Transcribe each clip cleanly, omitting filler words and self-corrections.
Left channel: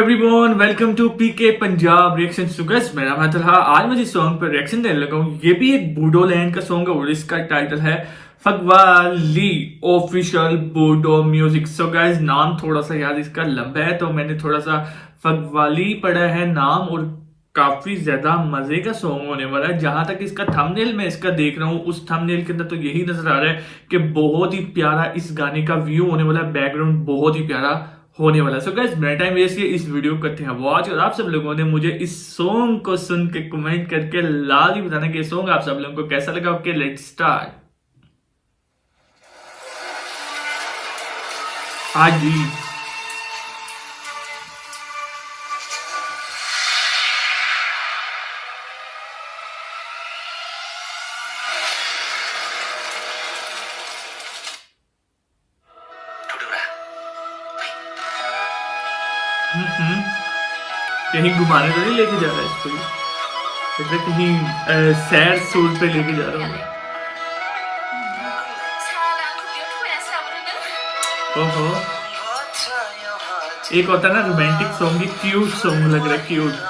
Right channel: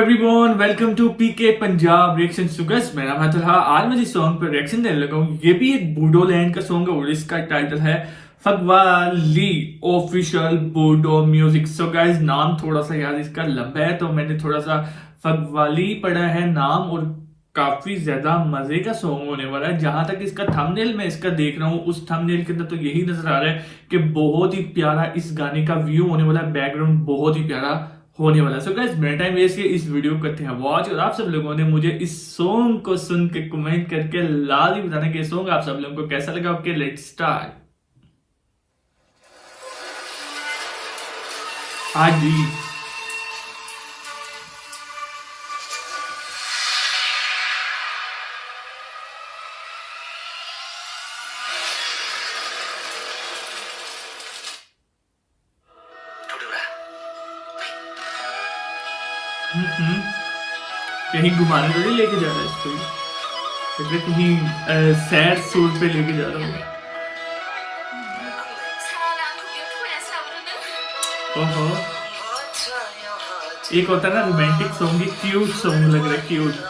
Everyone welcome to PK Punjab reaction सुगस। मेरा नाम है तलहा। आज मैं जिस सॉन्ग पर रिएक्शन देने लगा हूँ ये भी एक बूडो लैंड का सॉन्ग है और इसका टाइटल है फगवाली ऑफिशियल बूडो म्यूजिक। सो गाइस नाम थोड़ा सा याद इसका लंबा है तो मैंने थोड़ा सा फगवाली पढ़ा है नाम, और काफी ज्यादा मजे का सॉन्ग होने वाला है। जहां तक इसका थंबनेल मैं इसका देख रहा हूँ उस थंबनेल के अंदर तो यही नजर आ रहा है कि बहुत ही प्यारा इस गाने का व्यू होने वाला है, बैकग्राउंड बहुत ही प्यारा होने वाला है। सो गाइस मेरा टाइम वेस्ट किया, इस वीडियो को करते हैं वॉच। और आप सब लोगों ने मुझे इस सॉन्ग को सुन के कमेंट करके लाजमी बताना कि सॉन्ग आप सब लोगों को कैसा लगा। Okay let's start. हाँ जी, कहीं घुमाने तो नहीं लेके जा रहा है इसको, लग रहा है कहीं सैड सोल पे लेके जा रहा हूँ। ओहो, एक होता है ना रोमांटिक सॉन्ग, क्यूट सॉन्ग लग रहा है, क्यूट।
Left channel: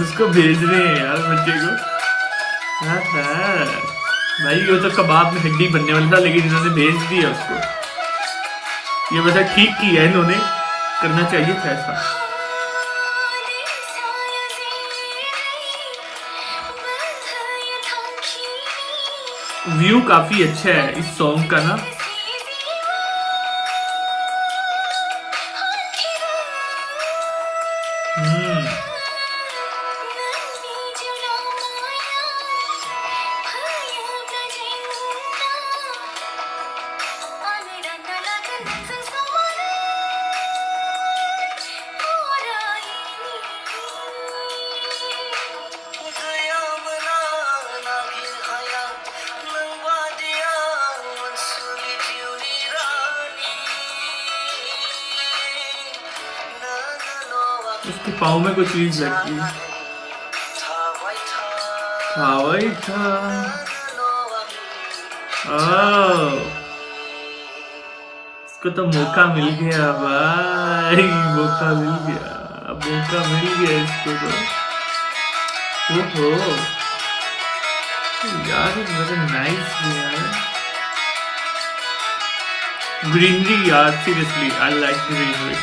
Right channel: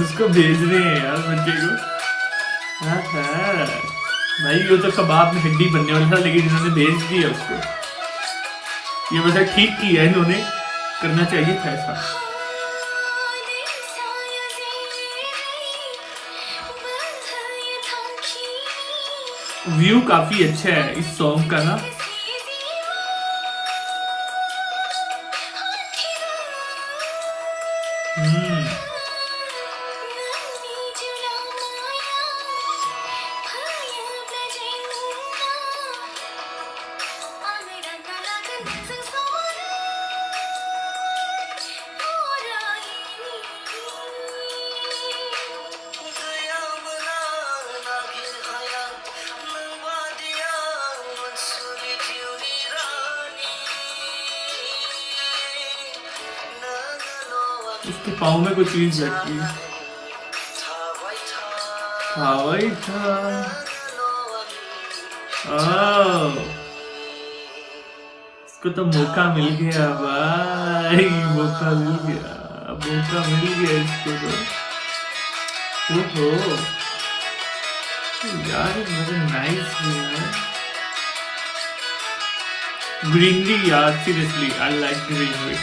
उसको भेज रहे हैं यार बच्चे को। हाँ हाँ भाई, वो तो कबाब में हड्डी बनने वाला था लेकिन इन्होंने भेज दिया उसको। ये वैसे ठीक किया इन्होंने, करना चाहिए था ऐसा। व्यू काफी अच्छा है इस सॉन्ग का ना। उसके पाँव में कोई चीज लगती है। था वही था। इसको तो मौका मिल गया भाई, मौका मिल गया, मौका मिल गया इसको तो। ओहो यार, वेरी नाइस यार, ग्रीनरी यार, seriously I like greenery.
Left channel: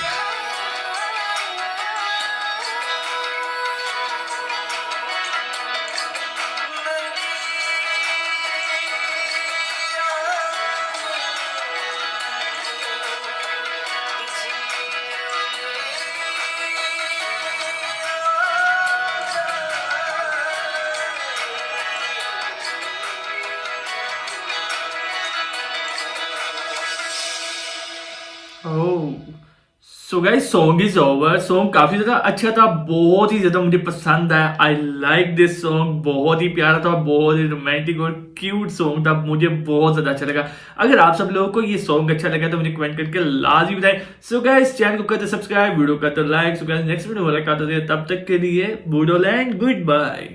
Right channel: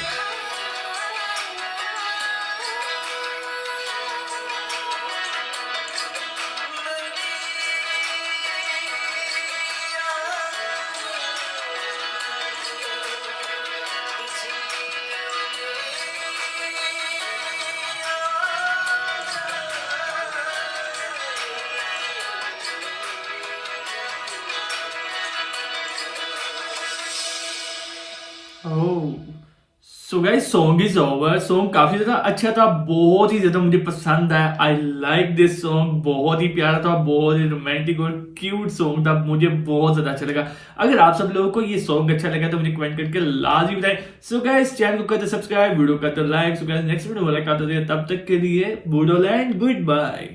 Oh, so guys song is over. Song काफी ज्यादा अच्छा था, बहुत ही ज्यादा मुझे पसंद आया। आई लाइक दिस सॉन्ग, बहुत ही प्यारा था, बहुत ही रोमांटिक और क्यूट सॉन्ग था, मुझे बहुत ज्यादा अच्छा लगा। अगर आप सब लोगों को ये सॉन्ग अच्छा लगा तो मुझे कमेंट करके लाजमी बताएं। सो गाइस चैनल को करते सब्सक्राइब, वीडियो करते like. So guys next video मुलाकात होती है, तब तक के लिए बूडोलैंड गुड बाय।